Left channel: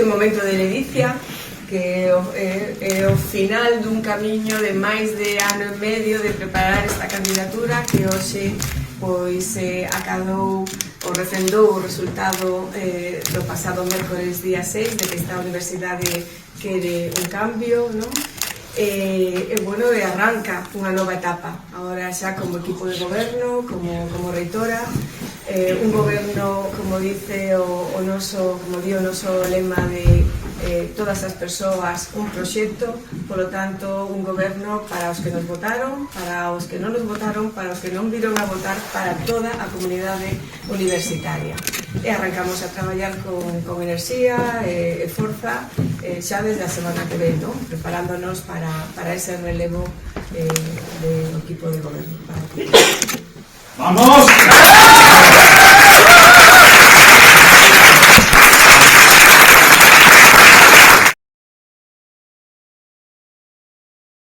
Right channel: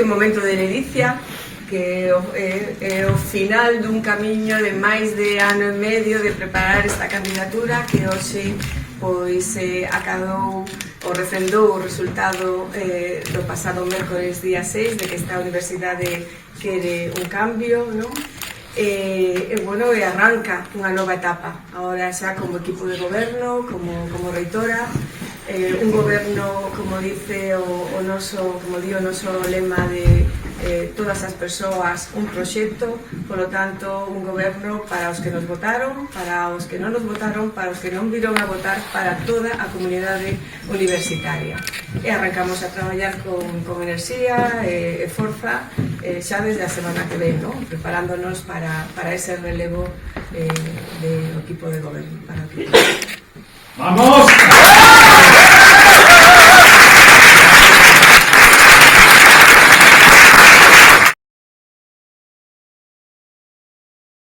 este momento de ledicia, que é o final dun camiño de máis de ano e medio de preparar esta candidatura que hoxe pois acadou ou refrendou o resultado do pasado mércores día 6 de que esta universidade quere un cambio, non? E arranca unha nova etapa agora xa como equipo de goberno, como reitora, un goberno, como dice o noso lema de todas as persoas un proxecto, polo tanto un goberno para os que nos votaron, para os que non nos votaron, para os que non viron a votar, para toda a comunidade universitaria. E arrancamos a traballar con enerxía e forza xa desde a semana que ven, ¿no? Preparándonos para ese relevo do equipo de goberno. ¡Vamos!